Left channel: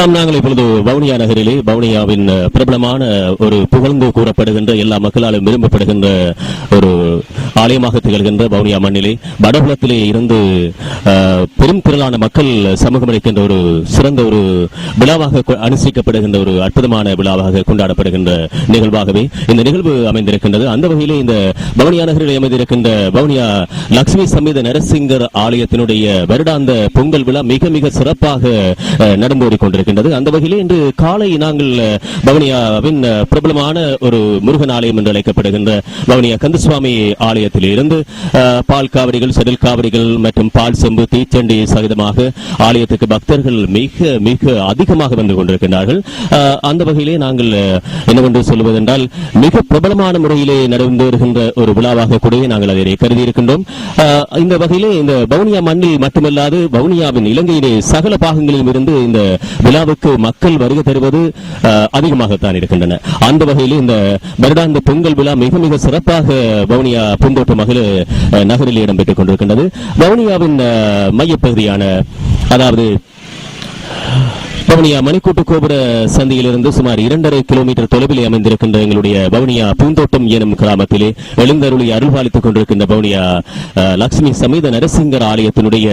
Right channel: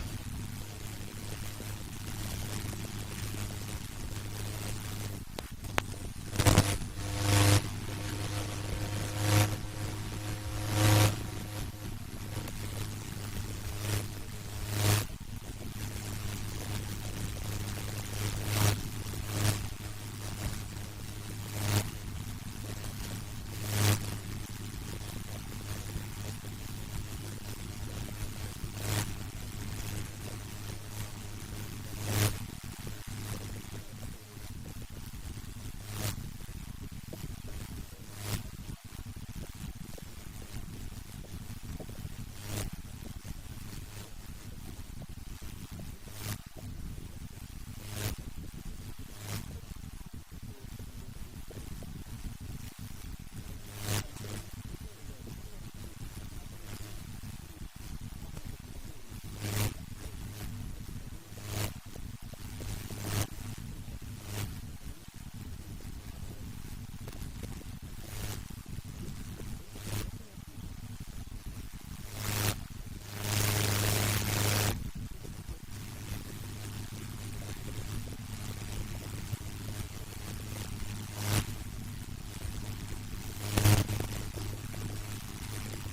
நாம் நாங்கள் இப்பொழுது வவுனியா நகரிலே வவுனியாவின் பிரபலமான ஒரு புகழ்ந்து கூறப்படுகின்ற எல்லா மக்களாலும் விரும்பப்படுகின்ற ஒரு ஆலயமாக திகழ்கின்ற வவுனியா மண்ணிலே வடபுலத்திலே இருந்து பெரும் திரளான மக்கள் சமூகம் அளிக்கின்ற ஒரு சிறந்த ஒரு விழாவாக அனுசரிக்கப்படுகின்ற ஒரு அற்புதமான விழாவாக கொண்டாடப்படுகின்ற நிகழ்வாகவே இந்த நிகழ்வு அமைந்திருக்கின்றது. அந்த வகையிலே இந்த பவுனியா நகரில் அமைந்திருக்கின்ற வவுனியா லட்சுமி சமீத நரசிங்கர் ஆலயத்தினுடைய வருடாந்த பொங்கல் விழா மிக மிக சிறப்பாக நடந்து கொண்டிருக்கின்றது அந்த வகையிலே இன்று காலை நாங்கள் அஹ், பிரபலமான ஒரு முருகன் ஆலயம் என்று அழைக்கப்படுகின்ற வவுனியா கந்தசுவாமி ஆலயத்தில் இருந்து பால் காவிரிகள் செடல் காவிரிகள் மற்றும் பால் செம்பு தீச்சண்டி சகிதமாக ஆலயத்துக்கு பக்தர்கள் மிக மிக அதிகமாக வந்து கொண்டிருக்கின்றார்கள். அந்த வகையிலே நாங்கள் அஹ், என்னவென்று சொல்வதென்றால் மிக பிரபலமான முறையிலே நடந்து வருகின்ற ஒரு விழாவாக கூட நாங்கள் அதை கருதி இருக்கின்றோம் இந்த வகையிலே இந்த வவுனியா மண்ணில் மட்டுமல்லாது வவுனியாவின் இலங்கையிலே சகல பாகங்களிலும் இருந்து இந்த விழாவுக்கு மக்கள் வருகை தருவது அதிகமாகத்தான் இருக்கின்றன. அந்த வகையிலே இந்த வருடாந்த பொங்கல் விழா மிக மிக சிறப்பாக வவுனியா பூந்தோட்ட மகளிர் நகரில் இடம்பெற்றுக் கொண்டிருக்கின்றது. வவுனியாவின் மையப்பகுதியான அதாவது வவுனியா மணிக்கூட்டு கோபுர சந்தையிலிருந்து சுமார் இரண்டரை கிலோமீட்டர் தொலைவில் அமைந்திருக்கின்ற எங்களுடைய வவுனியா பூந்தோட்டம் எனும் கிராமத்திலே எழுந்தருளி அருள்பாலித்துக் கொண்டிருக்கின்ற பவனியா லட்சுமி சமேத நரசிங்கர் ஆலயத்தினுடைய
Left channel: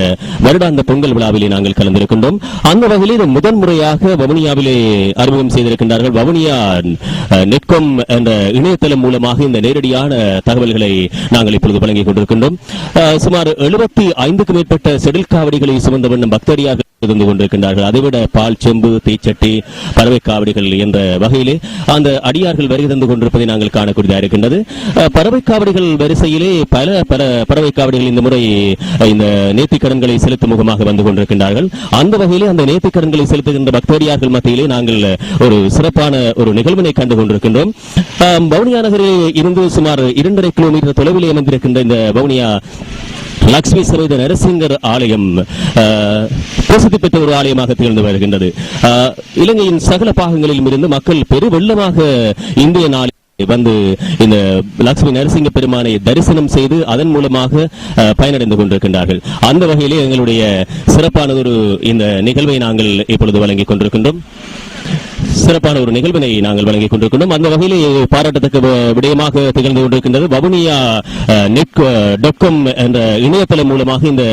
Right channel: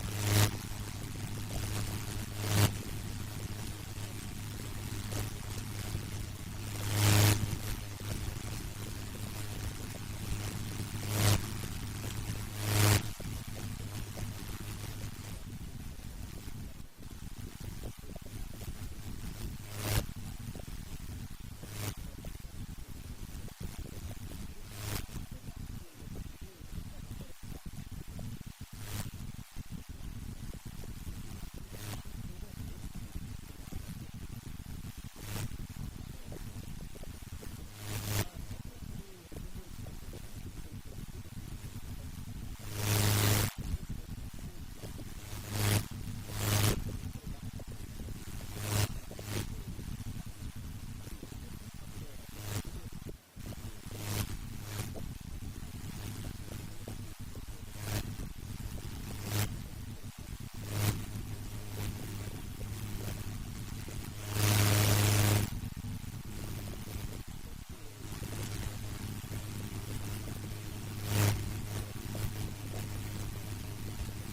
வருடாந்த பொங்கல் விழாவிலே நாங்கள் கலந்திருக்கின்றோம். அந்த வகையில் இது முதன் முறையாக வவுனியாவிலே அறிமுகம் செய்திருக்கின்றார்கள். வவுனியா அஹ், நெட்கொம் என்ற இணையதளம் மூலமாக இந்த நேரடியான தகவல்களை நாங்கள் இப்பொழுது வழங்கிக் கொண்டிருக்கின்றோம். அஹ், சுமார் எழுபத்தி ஐந்துக்கு மேற்பட்ட செடில் காவடிகளை சுமந்த வண்ணம் பக்தடியாக இருந்து கொண்டிருக்கின்றார்கள். அதைவிட பால் செம்பு தீச்சட்டி பறவை காவடிகள் என்ற வகையிலே அந்த அடியார்கள் வருகை தந்து கொண்டிருப்பதை நாங்கள் காணக்கூடியதாக இருக்கின்றது. பறவை காவடிகள் வரிசையிலே பல பல பறவை காவடிகள் இந்த முறை இந்த நேர்த்திக் கடன்களை செலுத்தும் முகமாக வந்து கொண்டிருக்கின்றார்கள். அந்த வகையிலே அந்த நேர்த்திக் கடன்களை செலுத்துகின்ற பக்தடியார்கள் மத்தியிலே நாங்கள் ஒரு சிறப்பான ஒரு நிகழ்வினை கண்டு கொண்டிருக்கின்றோம். பவுனியா வவுனியா நகரில் இருந்து சுமார் இரண்டரை கிலோமீட்டர் தொலைவில் அமைந்திருக்கின்ற இந்த வவுனியா லக்ஷ்மி சமேத நரசிங்கர் ஆலயம் பிரசித்தி பெற்ற ஒரு ஆலயமாக திகழ்ந்து வருகின்றது. அஹ், இலங்கையின் சகல பாகங்களிலும் இருந்து மக்கள் பெருவெள்ளமாக இந்திய நாளில் வந்து இந்த லட்சுமி நரசிங்க பெருமானை தரிசனம் செய்து அதன் மூலமாக பயனடைந்து கொண்டிருக்கின்றார்கள். அந்த வகையிலே எங்களுடைய சிறப்பானதொரு இந்த நிகழ்வை நாங்கள் இப்பொழுது வழங்கிக் கொண்டிருக்கின்றோம். சிறப்பான ஒரு நிகழ்வினை நாங்கள் வழங்கிக் கொண்டிருக்கின்றோம் அந்த வகையில் பாராட்டத்தக்க விடயமாக திகழ்ந்து கொண்டிருக்கின்றது வவுனியா நெட் டொக்கம் என்ற இணையதளம் மூலமாக இந்த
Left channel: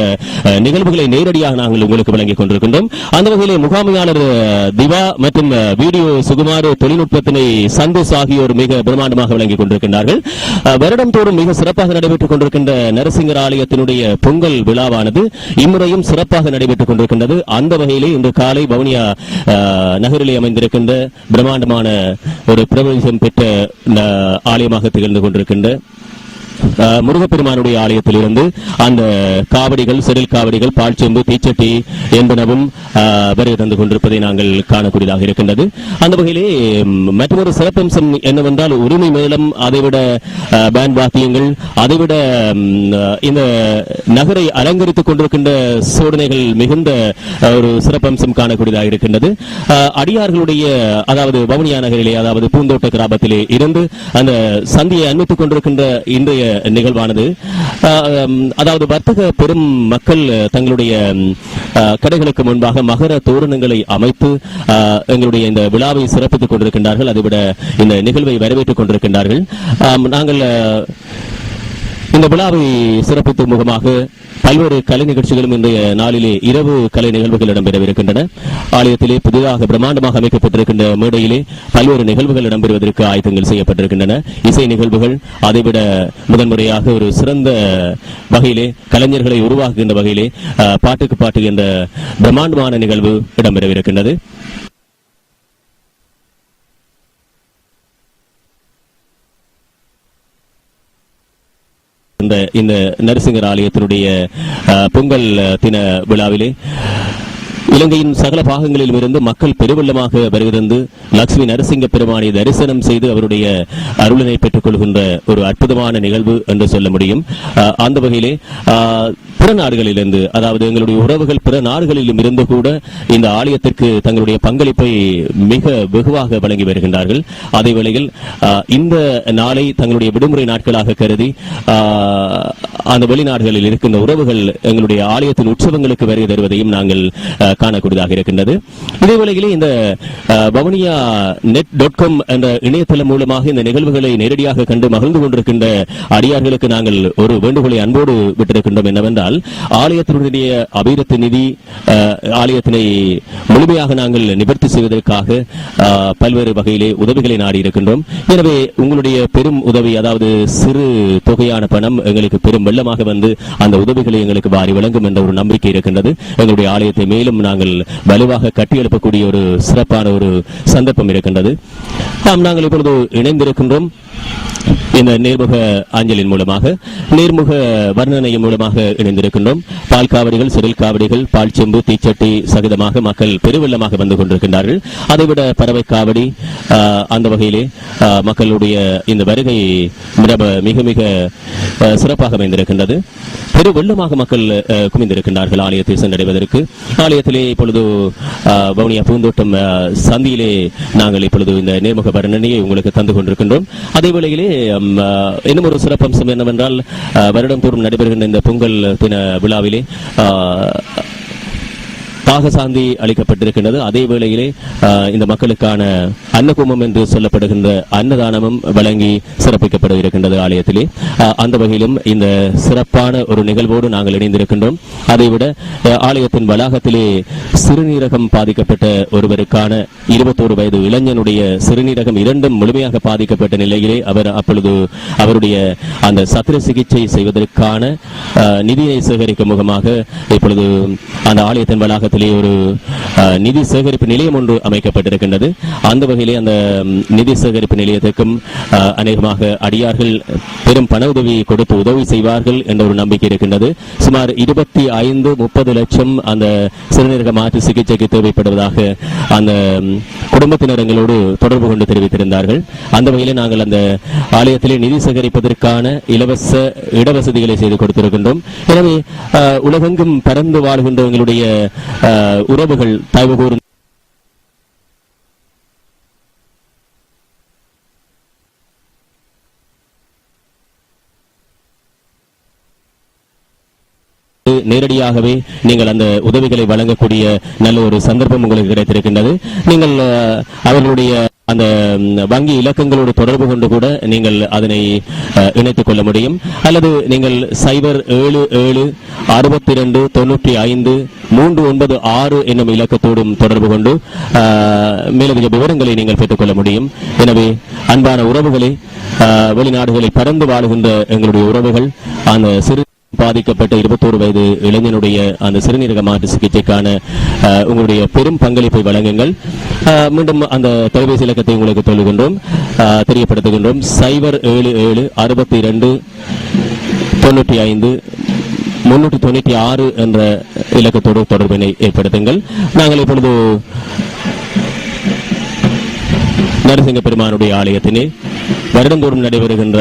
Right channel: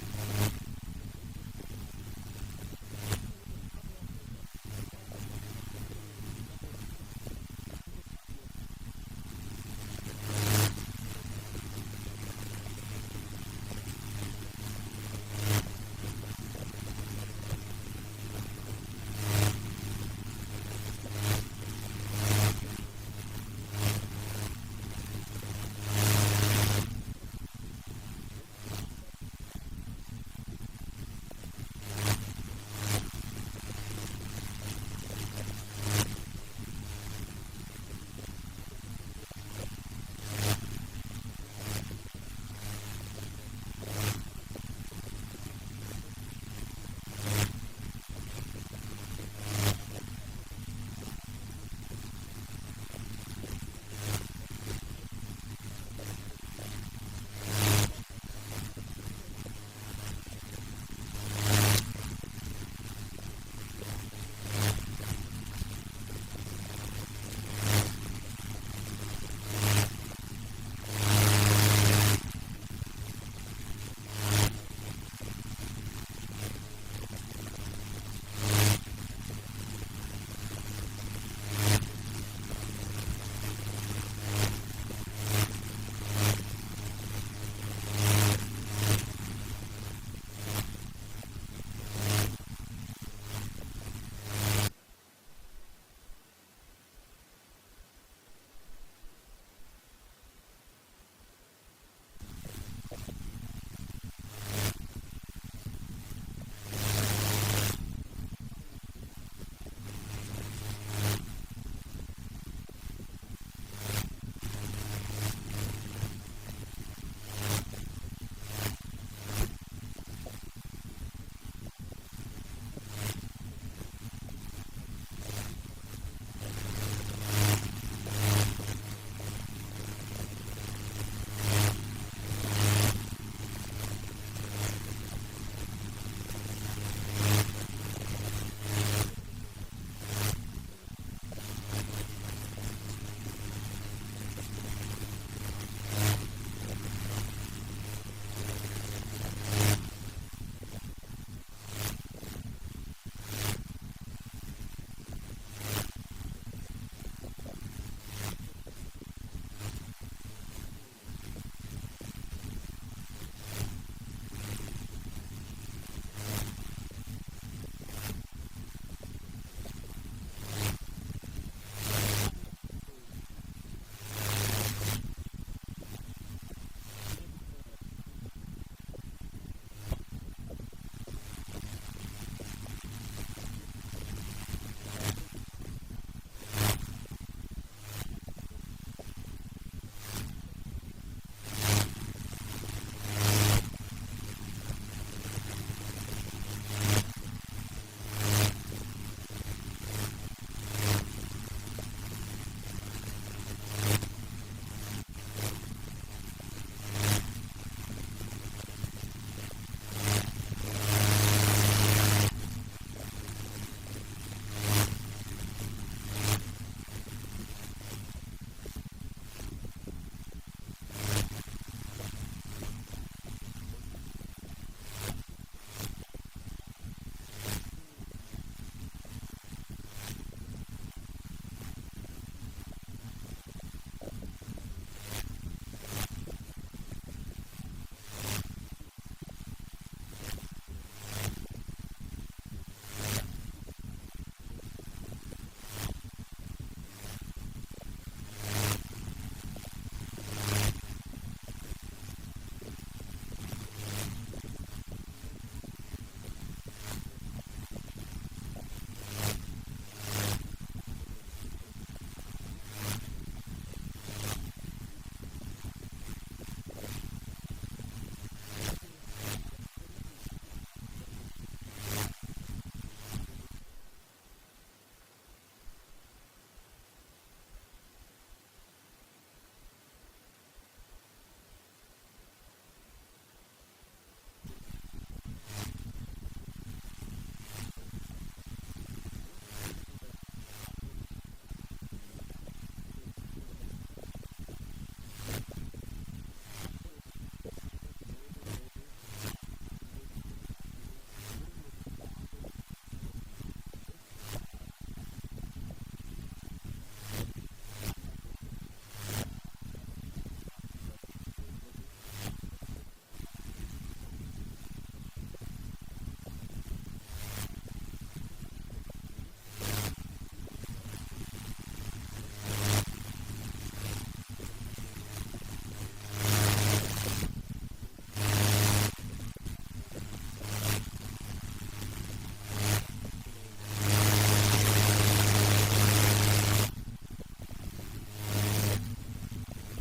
நிகழ்வுகளை நேரடியாக நாங்கள் உங்களுக்கு வழங்கிக் கொண்டிருக்கின்றோம். அந்த வகையில் முகாமையாளர் திவா மற்றும் வீடியோ சுகுமார் தொழில்நுட்பத்தினை சந்தோஷ் ஆகியோர் மிக பிரம்மாண்டமாக வழங்கிக் கொண்டிருக்கின்றார்கள். வருடம் தோறும் மிக சிறப்பாக நடைபெற்றுக் கொண்டிருக்கின்ற நரசிங்கர் ஆலயத்தினுடைய பொங்கல் விழாவானது இம்முறையும் சிறப்பாக நடைபெற்றுக் கொண்டிருக்கின்றது. அந்த வகையிலே இன்று காலை வவுனியா நகரிலே அமைந்திருக்கின்ற பிரம்மாண்டமான ஒரு பிரபலம் பெற்ற ஆலயமாக திகழ்ந்து கொண்டிருக்கின்ற முருகப்பெருமானுடைய முருகப்பெருமானுடைய ஆலயத்திலிருந்து அந்த காவடிகள் செடில் காவடிகள் பால்ச்செம்பு தீச்சட்டி என்பனவும் வருகை தந்து கொண்டிருப்பதை நாங்கள் காணக்கூடியதாக இருக்கின்றது. அந்த வகையிலே மற்றொரு சிறப்பம்சம் என்னவென்றால் உரிமை மேளம் அதைவிட பேண்ட் வாத்தியங்கள் அதைவிட இந்த நகரை அலங்கரித்துக் கொண்டிருக்கின்ற சோதனைகள் மிகுந்த ஒரு சிறப்பம்சம் காணக்கூடியதாக இருக்கின்றது. அடியார்களுடைய அதாவது வவுனியா நகரிலே அதாவது பூந்தோட்ட கிராமத்திலே இருந்து அந்த சந்தியை அண்மித்துக் கொண்டிருக்கின்ற இன்றைய நிகழ்வானது. அதாவது வர்த்தக பெரும் மக்கள் தங்களுடைய கடைகளுக்கு முன்பாக மகர தோரணங்களை அமைத்து எங்களுடைய இந்த விழாவை சிறப்பித்துக் கொண்டிருக்கின்றார்கள். அதைவிட இந்த நிகழ்வை வரவேற்றுக் கொண்டிருக்கின்றார்கள். நாங்கள் இந்த விழாவை சிறப்பிக்கும் முகமாக பல்வேறு கலை நிகழ்ச்சிகளும் இன்றைய நாளிலே இரவு கலை நிகழ்வுகள் இடம்பெறவிருக்கின்றன. ஆலயத்திலே புதிதாக பிரம்மாண்டமாக அமைக்கப்பட்டிருக்கின்ற மேடையிலே பல்வேறு நிகழ்வுகள் இடம்பெறுவதற்கு ஆயத்தங்கள் செய்யப்பட்டிருக்கின்றன. இசை நிகழ்வுகள் அதைவிட முதன்முறையாக ஒரு சிறந்த வகையிலே கலைஞர்களை உருவாக்குகின்ற வகையிலே பாட்டுக்கு பாட்டு என்ற பிரம்மாண்டமான நிகழ்வு இடம்பெறவிருக்கின்றது. இந்த இந்த நரசிங்கர் ஆலயத்தினுடைய பொங்கல் தின விழாவிலே. இலங்கையின் சகல பாகங்களிலும் இருந்து மக்கள் பெருவெள்ளமாக வருகிறது. லட்சுமி நரசிங்க பெருமானை தரிசனம் செய்து அவருடைய அருளினை பெற்றுக் கொள்கின்ற ஒரு அற்புதமான நிகழ்வு என்று சொல்ல முடியும். அந்த வகையிலே பிற நாடுகளிலிருந்து அதாவது எங்களுடைய உறவுகள் பிற நாடுகளிலும் இருந்து கூட இந்த ஆலயத்திற்கு தங்களுடைய பங்களிப்பை மிக வெகுவாக வழங்கி வருகின்றார்கள். அதே வேளையில் இந்த நாளை தங்களுடைய விடுமுறை நாட்களாக கருதி அந்த வெளிநாடுகளில் இருக்கின்ற உறவுகள் எங்களுடைய ஆலயத்தின் உற்சவங்களுக்கு வருகை தருவதையும் நாங்கள் காணக்கூடியதாக இருக்கின்றது. இதே வேளையிலே இந்த பவனியா நெட் டாட் காம் என்ற இணையதளம் மூலமாக இந்த நிகழ்வுகளை நேரடியாக கண்டு மகிழ்ந்து கொண்டிருக்கின்ற அடியார்களுக்கு நாங்கள் ஒரு வேண்டுகோளை அன்போடு விட்டிருக்கின்றோம் என்னவென்றால் ஆலயத்தினுடைய அபிவிருத்தி நிதி ஆலயத்தினை முழுமையாக நாங்கள் நிவர்த்தி செய்வதற்காக பல்வேறு வகையிலே உதவிகளை நாடி இருக்கின்றோம். எனவே உங்களுடைய பெரும் உதவி அதாவது சிறு தொகையான பணம் எங்களுக்கு பெரும் வெள்ளமாக வந்து அந்த உதவிகளை எங்களுக்கு வாரி வழங்கும் என்ற ஒரு நம்பிக்கை இருக்கின்றது. எங்களுடைய ஆலயத்தை மேலும் நாங்கள் வலுவாக கட்டியெழுப்பக்கூடிய ஒரு சிறப்பான ஒரு சந்தர்ப்பம் இருக்கின்றது. நாம் நாங்கள் இப்பொழுது இணைந்திருக்கின்றோம். இந்த நேர்முக அஞ்சலின் மூலமாக நேர்முக வர்ணனையின் மூலமாக இணைந்திருக்கின்றோம். பால் காவடிகள் சிறில் காவடிகள் பால் செம்பு தீச்சட்டி சகிதமாக மக்கள் பெருவெள்ளமாக வந்து கொண்டிருக்கின்றார்கள். அதைவிட பறவை காவடி அந்த வகையிலே மக்களுடைய இந்த வருகை மிக- மிக மிக சிறப்பாக அமைந்திருக்கின்றது. பெருவெள்ளமாக மக்கள் குமிந்திருக்கின்றார்கள் ஆலயத்தை சென்றடைவதற்கு. ஆலயத்திலே இப்பொழுது வவுனியா பூந்தோட்டம் சந்தியிலே நாங்கள் இப்பொழுது இந்த நேர்முக வர்ணனையை உங்களுக்கு தந்து கொண்டிருக்கின்றோம். அதே வேளையிலே இன்னும் ஒரு சிறப்பம்சம் என்னவென்றால் வருடம் வருடந்தோறும் நடைபெறுகின்ற இந்த பொங்கல் தின விழாவிலே ஆஹ், தாகசாந்தி அளிக்கப்பட்டிருக்கின்றது. அதே வேளையிலே இந்த மக்களுக்கான அன்னகுமம் என்று சொல்லப்படுகின்ற அன்னதானமும் வழங்கி சிறப்பிக்கப்பட இருக்கின்றது ஆலயத்திலே அந்த வகையிலும் இந்த சிறப்பான ஒரு நிகழ்வோடு நாங்கள் இணைந்திருக்கின்றோம். அதைவிட ஆலயத்தின் வளாகத்திலே சிறுநீரகம் பாதிக்கப்பட்ட ஒருவருக்கான இருபத்தோரு வயது இளைஞனுடைய சிறுநீரகம் இரண்டும் முழுமையாக பாதிக்கப்பட்ட நிலையிலே அவர் அப்பொழுது அவருடைய அந்த சத்திர சிகிச்சை செய்வதற்கான நிதியை சேகரிக்கும் முகமாக இப்பொழுது அந்த ஆலயத்தின் வளாகத்தில் ஒரு நிதி சேகரிப்பு நிலையம் ஒன்று அமைக்கப்பட்டிருக்கின்றது. அந்த வகையிலே அந்த நிதி சேகரிப்பு நிலையத்திற்கும் அநேகமாக அடியார்கள் பெரும் பண உதவியை கொடுத்து உதவி செய்வார்கள் என்ற ஒரு நம்பிக்கை இருக்கின்றது. சுமார் இருபத்தி ஐந்து முப்பது லட்சம் அந்த சிறுநீரக மாற்று சிகிச்சைக்கு தேவைப்படுவதாக அந்த குடும்பத்தினரங்களோடு தொடர்பு கொண்டு தெரிவித்திருந்தார்கள். அந்த வகையிலே நாங்கள் அந்த ஆலயத்திலே நிதி சேகரிப்பதற்கான இலவச இடவசதிகளை செய்து கொடுத்திருக்கின்றோம். எனவே உலகெங்கும் பறந்து வாழ்கின்றவங்களுடைய உறவுகள் தயவு கூறும் நேரடியாகவே நீங்கள் அந்த உதவிகளை வழங்கக்கூடிய நல்ல ஒரு சந்தர்ப்பம் உங்களுக்கு கிடைத்திருக்கின்றது. நீங்கள் அவர்களுடைய அந்த வங்கி இலக்கங்களோடு தொடர்பு கொண்டு கூட நீங்கள் அதனை இணைத்துக் கொள்ள முடியும். அல்லது நீங்கள் சைபர் ஏழு ஏழு அறுபத்தி ரெண்டு தொண்ணூற்றி ஐந்து மூன்று ஒன்பது ஆறு என்னும் இலக்கத்தோடும் தொடர்பு கொண்டு மேலதிக விவரங்களை நீங்கள் பெற்றுக்கொள்ள முடியும். எனவே அன்பான உறவுகளை வெளிநாடுகளில் பறந்து வாழுகின்ற எங்களுடைய உறவுகள் அந்த சிறு பாதிக்கப்பட்ட இருபத்தோரு வயது இளைஞனுடைய அந்த சிறுநீரக மாற்று சிகிச்சைக்கான உங்களுடைய பெரும் பங்களிப்பை வழங்குங்கள். மீண்டும் அந்த தொலைபேசி இலக்கத்தை உங்களுக்கு சொல்லுகின்றோம். தெரியப்படுத்துகின்றோம். சைபர் ஏழு ஏழு அறுபத்தி இரண்டு தொண்ணூற்றி ஐந்து முன்னூற்றி தொண்ணூற்றி ஆறு என்ற இலக்கத்தோடு தொடர்பினை ஏற்படுத்துங்கள். நாங்கள் இப்பொழுது நரசிங்க பெருமானுடைய ஆலயத்தினே வருடந்தோறும் நடைபெறுகின்ற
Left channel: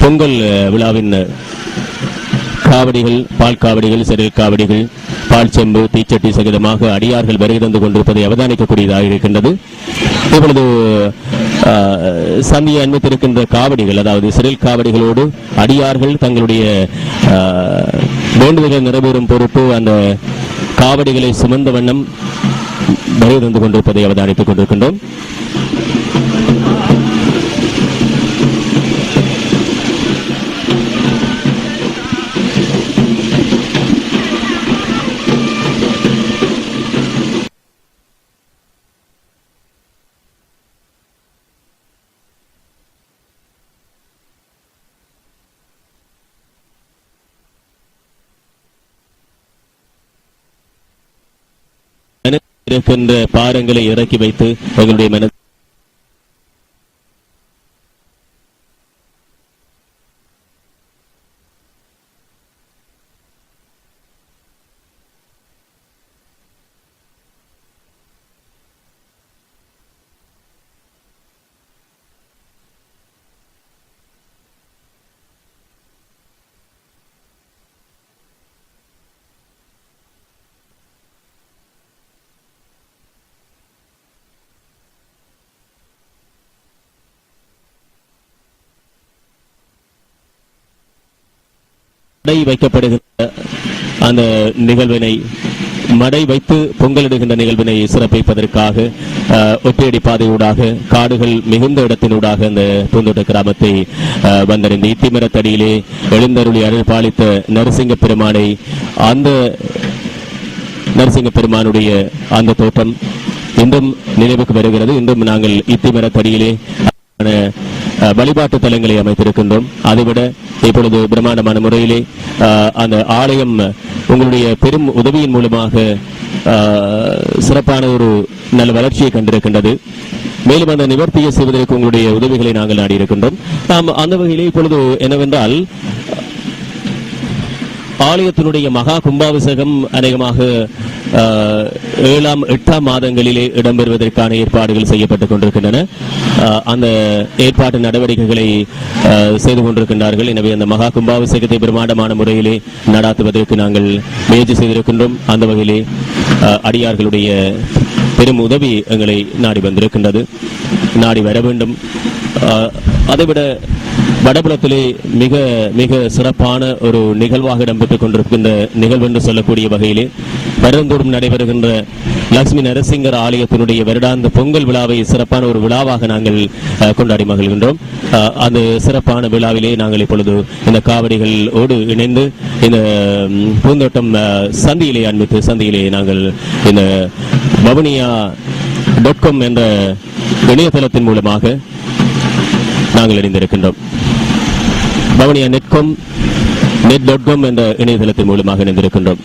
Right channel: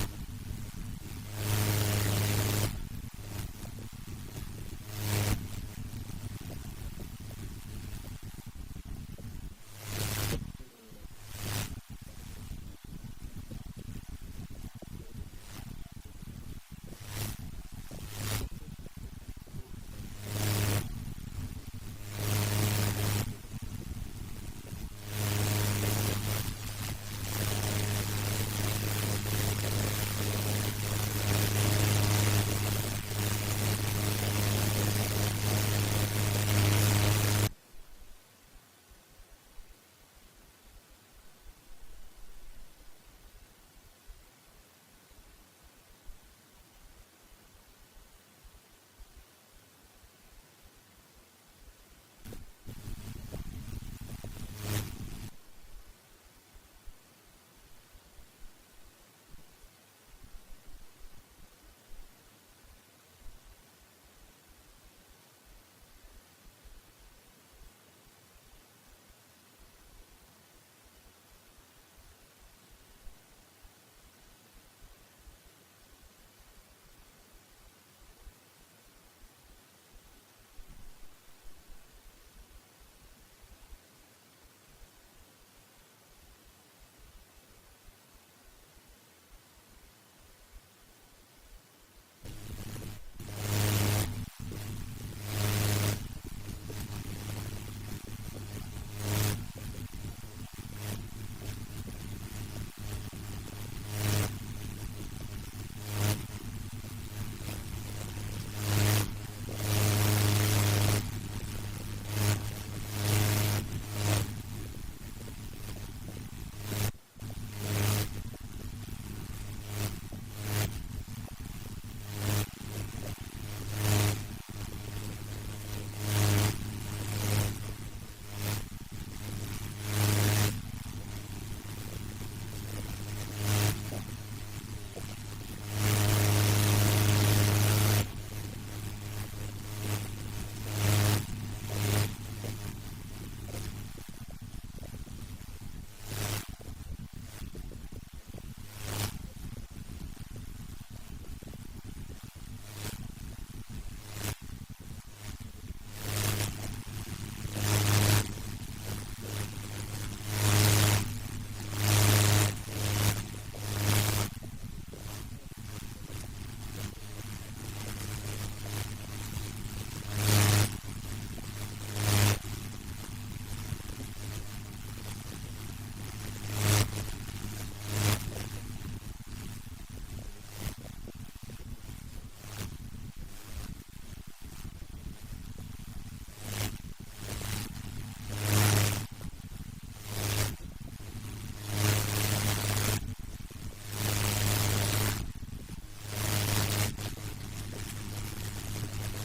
பொங்கல் விழாவின் காவடிகள் பால் காவடிகள் சிறில் காவடிகள் பால் செம்பு தீச்சட்டி சகிதமாக அடியார்கள் வருகை தந்து கொண்டிருப்பதை அவதானிக்கக்கூடியதாக இருக்கின்றது. இப்பொழுது சந்தியை அண்மித்திருக்கின்ற காவடிகள் அதாவது சிறில் காவடிகளோடு அடியார்கள் தங்களுடைய வேண்டுதல்கள் நிறைவேறும் பொறுப்பு அந்த காவடிகளை சுமந்த வண்ணம் வருகை தந்து கொண்டிருப்பதை அவதானித்துக் கொண்டிருக்கின்றோம். இருக்கின்ற பாரங்களை இறக்கி வைத்து எங்களுடைய மனதில் மடை வைக்கப்படுகின்ற அந்த நிகழ்வினை மடை வைத்து பொங்கலிடுகின்ற நிகழ்வினை சிறப்பிப்பதற்காக ஒற்றையடி பாதையூடாக காடுகள் மிகுந்த இடத்தினூடாக இந்த பூந்தோட்ட கிராமத்தை அஹ், இத்திமரத்தடியிலே எழுந்தருளி அருள் பாலித்த நரசிங்க பெருமானை அந்த நரசிங்க பெருமானுடைய அந்த தோட்டம் இன்றும் நினைவுக்கு வருகிறது. இன்றும் நாங்கள் இத்திமரத்தடியிலே வழிபாட்டு தலங்களை அமைத்திருக்கின்றோம். அதைவிட இப்பொழுது பிரம்மாண்டமான முறையிலே அந்த ஆலயம் உங்களுடைய பெரும் உதவியின் மூலமாக சிறப்பான ஒரு நல்ல வளர்ச்சியை கண்டிருக்கின்றது. மேலும் அந்த நிவர்த்தியை செய்வதற்கு உங்களுடைய உதவிகளை நாங்கள் நாடியிருக்கின்றோம். நாம் அந்த வகையிலே இப்பொழுது என்னவென்றால் ஆலயத்தினுடைய மகா கும்பாபிஷேகம் அநேகமாக ஏழாம் எட்டாம் மாதங்களிலே இடம்பெறுவதற்கான ஏற்பாடுகள் செய்யப்பட்டுக் கொண்டிருக்கின்றன. அந்த ஏற்பாட்டு நடவடிக்கைகளை செய்து கொண்டிருக்கின்றார்கள். எனவே அந்த மகா கும்பாபிஷேகத்தை பிரமாண்டமான முறையிலே நடாத்துவதற்கு நாங்கள் முயற்சி செய்திருக்கின்றோம். அந்த வகையிலே அடியார்களுடைய பெரும் உதவி எங்களை நாடி வந்திருக்கின்றது. நாடி வர வேண்டும். அதைவிட வடபுலத்திலே மிக மிக சிறப்பான ஒரு நிகழ்வாக இடம்பெற்றுக் கொண்டிருக்கின்ற நிகழ்வு என்று சொல்லக்கூடிய வகையிலே வருடந்தோறும் நடைபெறுகின்ற லட்சுமி நரசிங்கர் ஆலயத்தினுடைய வருடாந்த பொங்கல் விழாவை சிறப்பான ஒரு விழாவாக நாங்கள் கொண்டாடி மகிழ்கின்றோம். அந்த சிறப்பான விழாவிலே நாங்கள் இப்பொழுது இந்த காவடிகளோடு இணைந்து இந்த பூந்தோட்டம் சந்தியிலே அண்மித்து சந்தியிலே நாங்கள் இந்த வவுனியா டாட் காம் என்ற இணையதளத்தின் மூலமாக நாங்கள் இணைந்திருக்கின்றோம். Bhavaniya Netcom net dot com என்ற இணையதளத்தின் மூலமாக இணைந்திருக்கின்றோம்.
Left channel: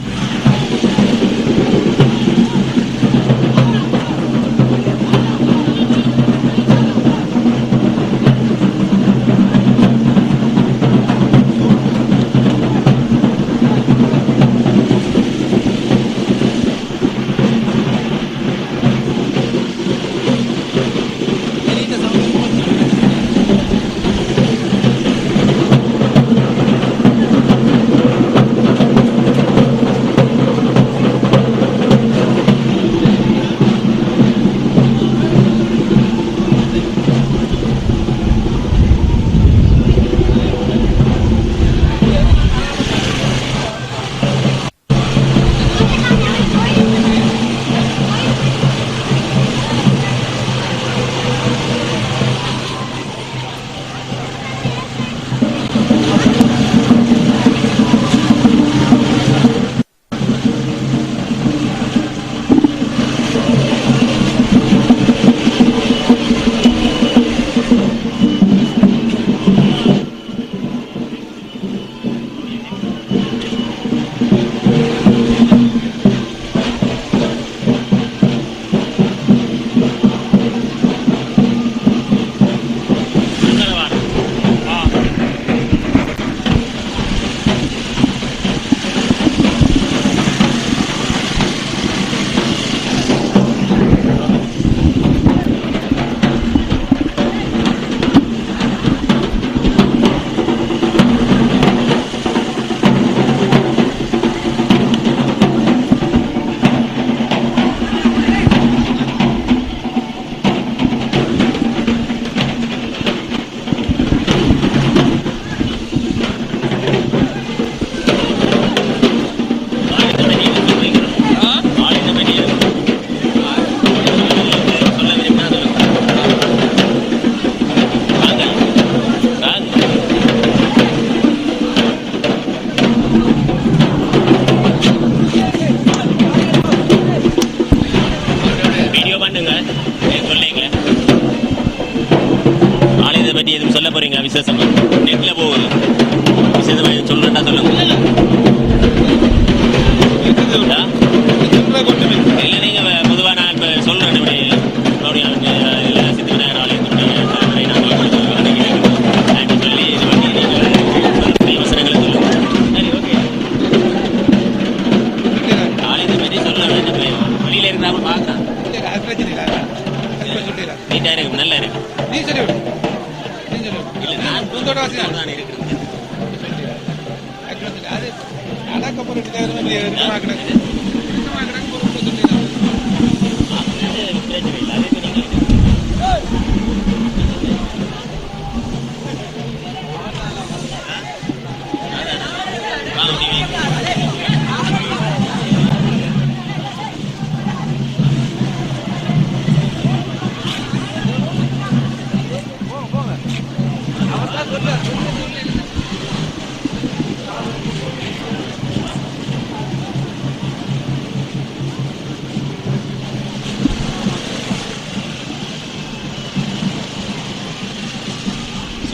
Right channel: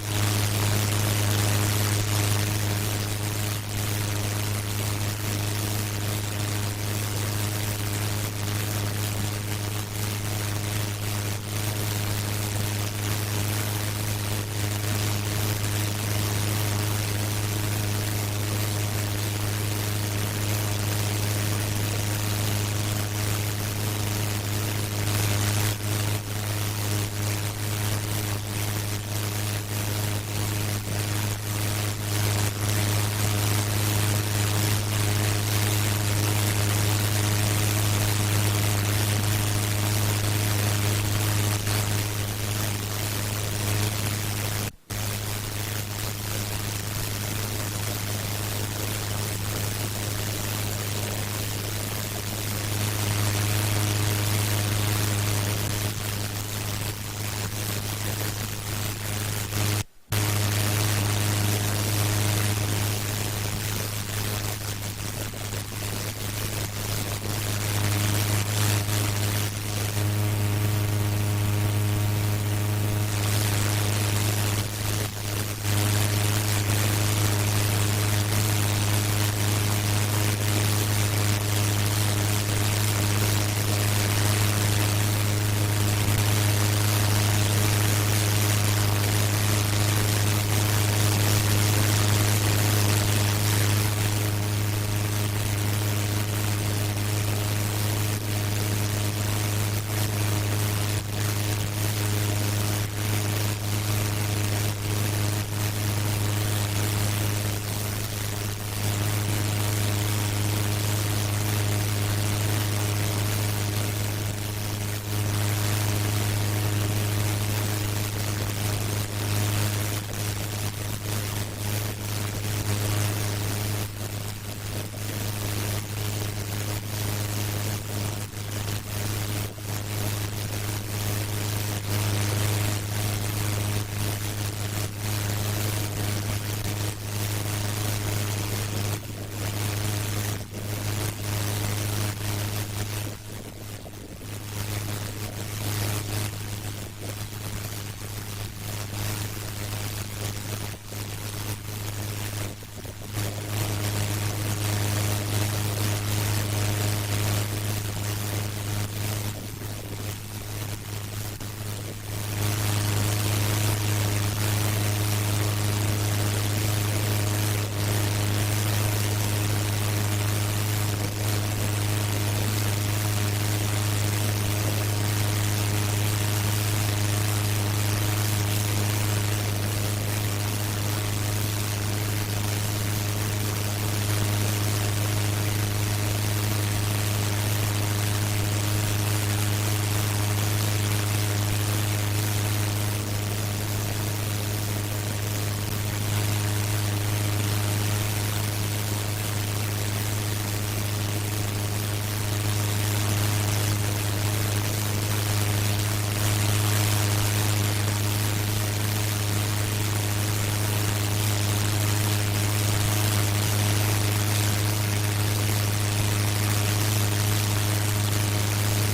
வாங்க, டிவி.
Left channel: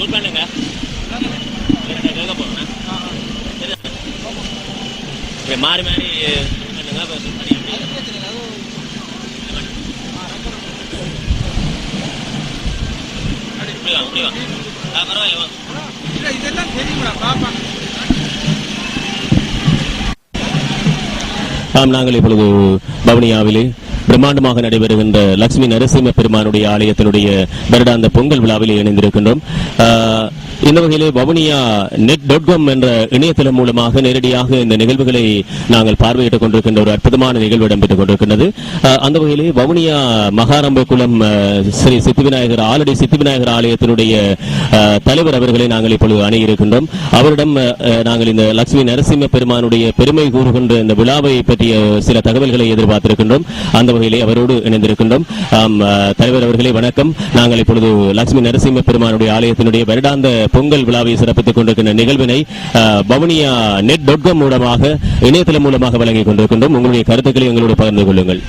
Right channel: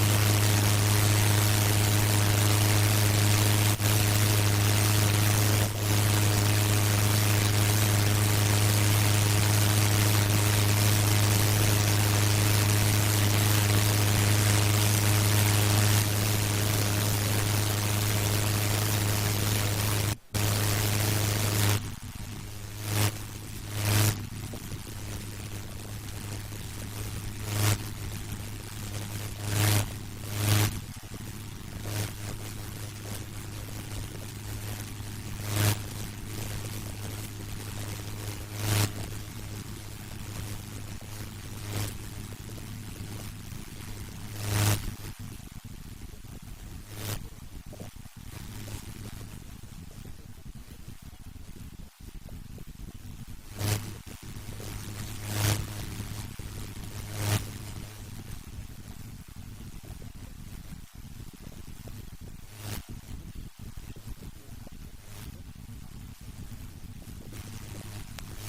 Click மாறி இப்படி வாங்க, இப்படி வாங்க. ஆ, பரவாயில்ல, இதெல்லாம் தெரியுங்களா பாப்பா நாங்கள் இப்பொழுது பவனியாவிலே பிரம்மாண்டமாக நடைபெறுகின்ற லட்சுமி நரசிம்ம பெருமானுடைய ஆலயத்தினுடைய வருடாந்த பொங்கல் விழாவில் இணைந்திருக்கின்றோம். ஆஹ், இந்த வகையிலே வவுனியா நெட் டாட் காம் என்ற இணையதளம் மூலமாக நேரடியாக இந்த நிகழ்வுகளை நாங்கள் பார்வையிட்டுக் கொண்டிருக்கின்ற ஒரு அற்புதமான நிகழ்வு இடம்பெற்றுக் கொண்டிருக்கின்றது. அந்த வகையிலே வவுனியா மகாரம்ப குளம் ஆஹ், ஸ்ரீ சித்திவிநாயகர் ஆலடி சித்திவிநாயகர் ஆலயத்தினுடைய தலைவர் அவர்களை நாங்கள் இப்பொழுது அணுகியிருக்கின்றோம். அவரிடம் நாங்கள் இந்த லட்சுமி நரசிம்ம பெருமானுடைய பெருமை கூறுகின்ற இந்த விழாவை பற்றிய சில தகவல்களை எதிர்பார்த்திருக்கின்றோம். அந்த வகையிலே அவரோடு இணைந்திருக்கின்றோம். தலைவர் அவர்களே வணக்கம். நாங்கள் இப்பொழுது லட்சுமி நரசிம்ம பெருமானுடைய ஆலயத்தினுடைய வருடாந்த பொங்கல் விழாவை சிறப்பித்துக் கொண்டிருக்கின்ற நிகழ்வினை பவனியா நெட் டாட் காம் மூலமாக இணையதளம் மூலமாக வழங்கிக் கொண்டிருக்கின்றோம். உங்களுடைய கருத்துக்களை எங்களோடு பகிர்ந்து கொள்ளுங்கள்.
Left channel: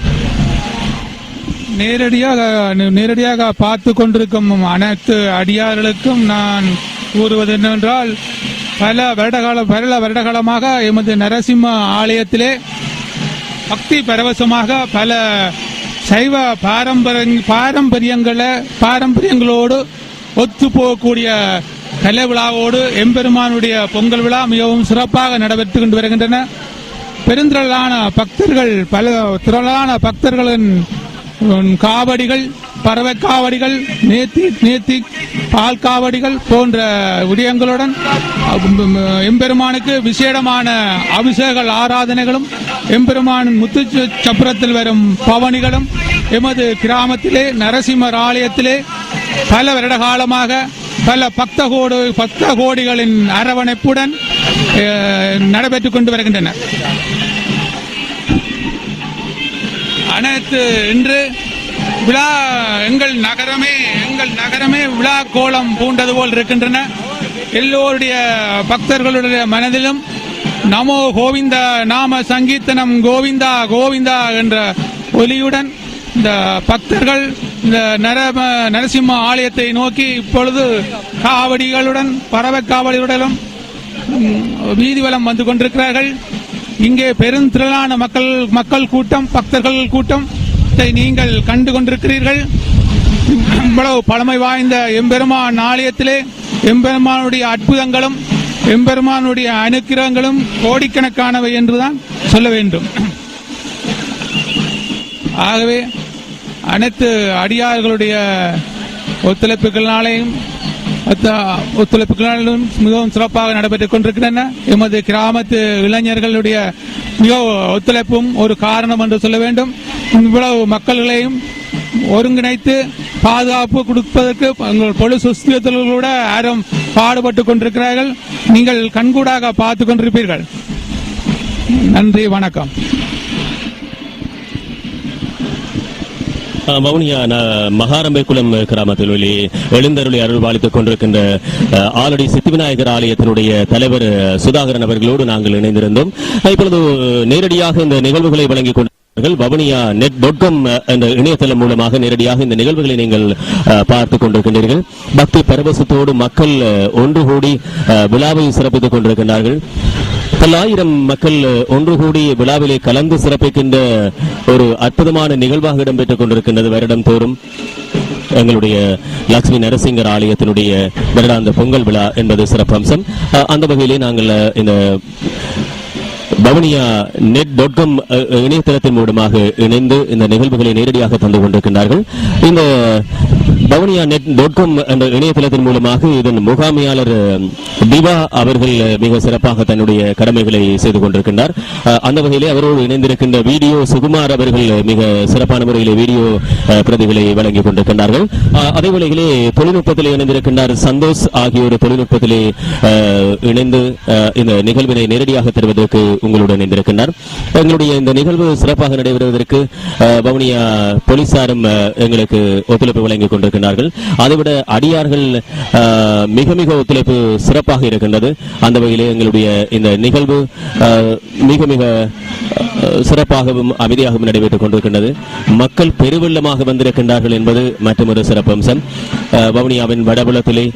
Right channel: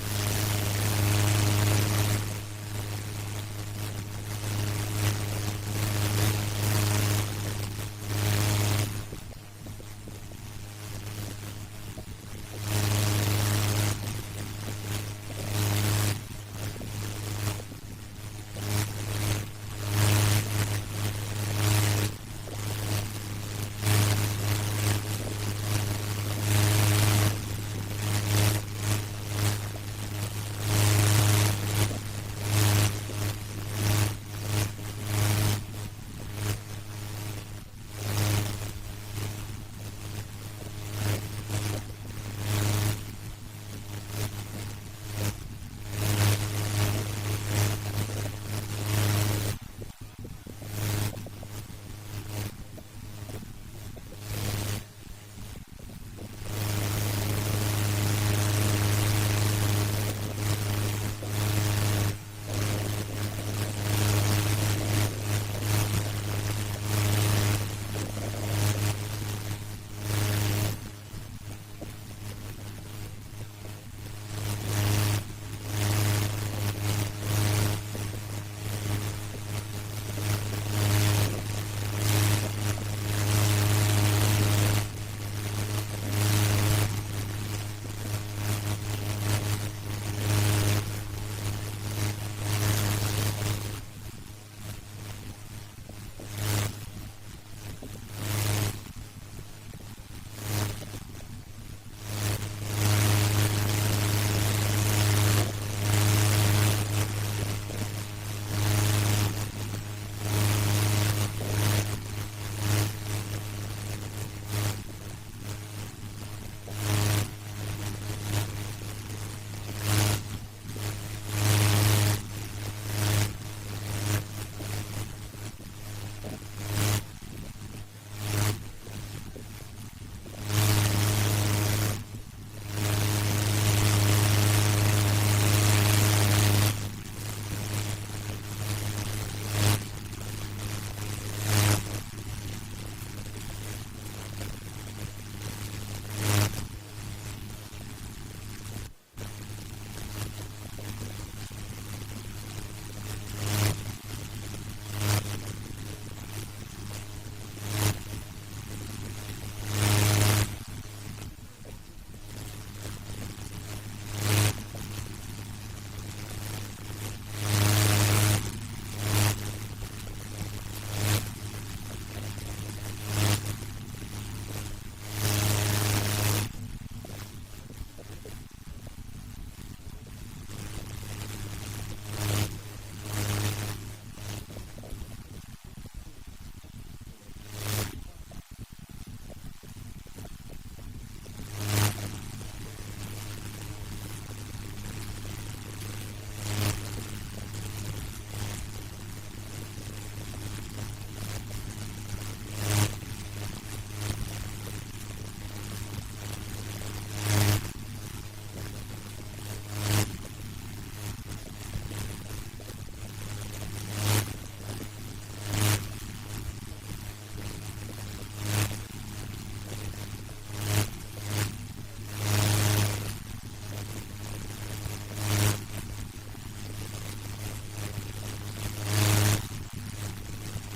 நேரடியாக நேரடியாக பார்த்து கொண்டிருக்கும் அனைத்து அடியார்களுக்கும் நான் கூறுவது என்னவென்றால் பல வருடகாலம் பல வருடகாலமாக எமது நரசிம்ம ஆலயத்திலே பக்தி பரவசமாக பல சைவ பாரம்பரிய பாரம்பரியங்களை பாரம்பரியங்களோடு ஒத்து போகக்கூடிய கலை விழாவோடு எம்பெருமானுடைய பொங்கல் விழா மிகவும் சிறப்பாக நடைபெற்று கொண்டு வருகின்றன. பெருந்திரளான பக்தர்கள் பல திரளான பக்தர்களின் காவடிகள் பறவை காவடிகள் நேத்தி நேத்தி பால் காவடிகள் போன்ற விடயங்களுடன் எம்பெருமானுக்கு விசேடமான அபிஷேக ஆராதனைகளும் எம்பெருமானின் முத்து சப்பரத்தில் வரும் பவனிகளும் எமது கிராமத்திலே நரசிம்மர் ஆலயத்திலே பல வருட காலமாக பல பக்த கோடு பக்த கோடிகளின் அரவணைப்புடன் நடைபெற்றுக் கொண்டு வருகின்றன அனைத்து இன்று விழா எங்கள் நகரமே எங்கள் நகரமே விழா கோலம் பூண்டது போல் இருக்கின்றன. எல்லோருடைய பக்தர்களுடைய மனதிலும் நமோ கோவிந்தா நாம சங்கீர்த்தனம் கோவிந்தா கோவிந்தா என்ற ஒலியுடன் இந்த பக்தர்கள் இந்த நரம நரசிம்ம ஆலயத்தை நோக்கி இப்பொழுது காவடிகளுடன் பறவை காவடிகளுடனும் வீதிவலம் வந்து கொண்டிருக்கிறார்கள். இங்கே பெருந்திரளான மக்கள் மக்கள் கூட்டம் பக்தர்கள் கூட்டம் நீங்கள் கண்டு கொண்டிருக்கிறீர்கள். இவ்வளவு பழமை வாய்ந்த எம்பெருமான் ஆலயத்திலே எம்பெருமானுடைய அற்புதங்களும் எம்பெருமானுடைய அனுக்கிரகங்களும் கோடிக்கணக்கானவை என்றுதான் சொல்ல வேண்டும். ஆகவே அனைத்து அடியார்களுடைய ஒத்துழைப்புகளினாலேயும் ஒத்துழைப்புகளாலும் ஒத்துழைப்புகளினாலும் மிகவும் சிறப்பாக நடைபெற்றுக் கொண்டிருக்கின்றன. எமது கிராமத்து இளைஞர்களுடைய மிக ஒத்துழைப்பும் ஒரு காரணம் என்று சொல்ல வேண்டும். இவ்வளவு மக்கள்களையும் ஒருங்கிணைத்து பாதுகாப்பு கொடுப்பதற்கு எங்கள் பொலிஸ் கூட யாரும் பாடுபட்டு கொண்டிருக்கிறார்கள். நீங்கள் கண்கூடாக பார்த்து கொண்டிருப்பீர்கள். நன்றி வணக்கம். மௌனியா நான் மகாரம்பைக்குளம் கிராமத்தில் வெளி எழுந்தருளி அருள் பாலித்துக் கொண்டிருக்கின்ற அஹ், ஆலடி சித்திவிநாயகர் ஆலயத்தினுடைய தலைவர் சுதாகரன் அவர்களோடு நாங்கள் இணைந்திருந்தோம். இப்பொழுது நேரடியாக இந்த நிகழ்வுகளை வழங்கிக் கொண்டு வவுனியா நெட் டாட் என்ற இணையதளம் மூலமாக நேரடியாக இந்த நிகழ்வுகளை நீங்கள் அஹ், பார்த்துக் கொண்டிருக்கின்றீர்கள். பக்தி பரவசத்தோடு மக்கள் ஒன்று கூடி அஹ், விழாவை சிறப்பித்துக் கொண்டிருக்கின்றார்கள். பல்லாயிரம் மக்கள் ஒன்று கூடி விழாவிலே கலந்து சிறப்பிக்கின்ற ஒரு அற்புதமான நிகழ்வாக இடம்பெற்றுக் கொண்டிருக்கின்றது வருடம் தோறும். எங்களுடைய லட்சுமி நரசிங்கர் ஆலயத்தினுடைய வருடாந்த பொங்கல் விழா என்பது சிறப்பம்சம். அஹ், அந்த வகையிலே நாங்கள் இந்த பவனியா நெட் டாட் காம் இணையதளத்தின் மூலமாக இணைந்து இந்த நிகழ்வுகளை நேரடியாக தந்து கொண்டிருக்கின்றார்கள். இந்த பவனியா நெட் டாட் காம் என்ற இணையதளத்தின் மூலமாக இதன் முகாமையாளர் திவா அவர்கள் மிக சிறப்பாக தன்னுடைய கடமைகளை செய்து கொண்டிருக்கின்றார். அந்த வகையிலே அவரோடு இணைந்திருக்கின்ற வீடியோ சுகுமார் அவர்கள் மிக சிறப்பான முறையிலே வீடியோ பிரதிகளை வழங்கிக் கொண்டிருக்கின்றார்கள். அதே வேளையிலே தொழில்நுட்பத்தில் இணைந்திருக்கின்றார் சந்தோஷ் ஆகியோர் தொழில்நுட்பத்திலே இணைந்து இந்த நிகழ்வினை நேரடியாக தருவதற்கு உங்களுடன் இணைந்திருக்கின்றார். எங்களுடைய இந்த நிகழ்வு சிறப்பாக நடைபெறுவதற்கு அஹ், வவுனியா போலீசாரும் எங்களுக்கு ஒத்துழைப்பு வழங்கி கொண்டிருக்கிறார் கொண்டிருக்கிறார்கள் அதைவிட அடியார்கள் மிக மிக ஒத்துழைப்பு சிறப்பாக இருக்கின்றது. அந்த வகையிலே எங்களுடைய இந்த நிகழ்வு மிக மிக சிறப்பாகவும் அமைதியாகவும் நடைபெற்றுக் கொண்டிருக்கின்றது. மக்கள் பெருவெள்ளமாக வந்திருக்கின்றார்கள் என்பது மற்றொரு சிறப்பம்சம். வவுனியாவின் வடபுலத்திலே